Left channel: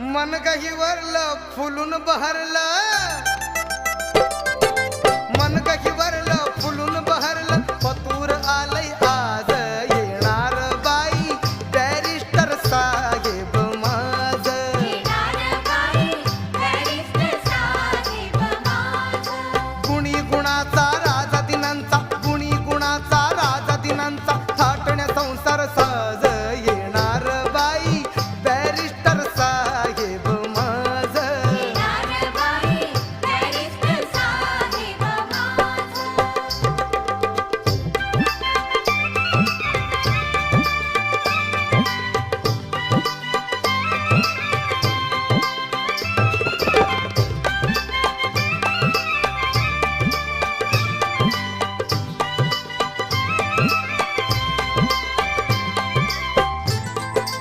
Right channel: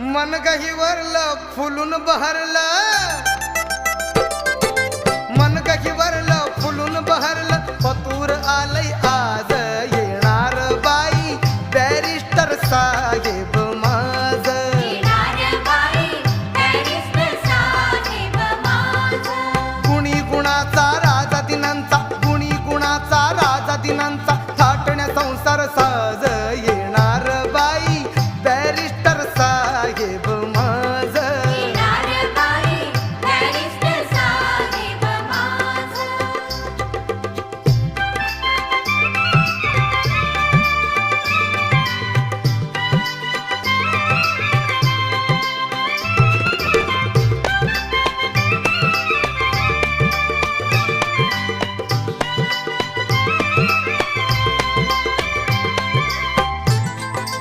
मन गहिवरलं फुलून बहरलं, मन गहिवरलं फुलून बहरलं, पतूर आलय आज येणार बाई बॅरिस्टर साहेब.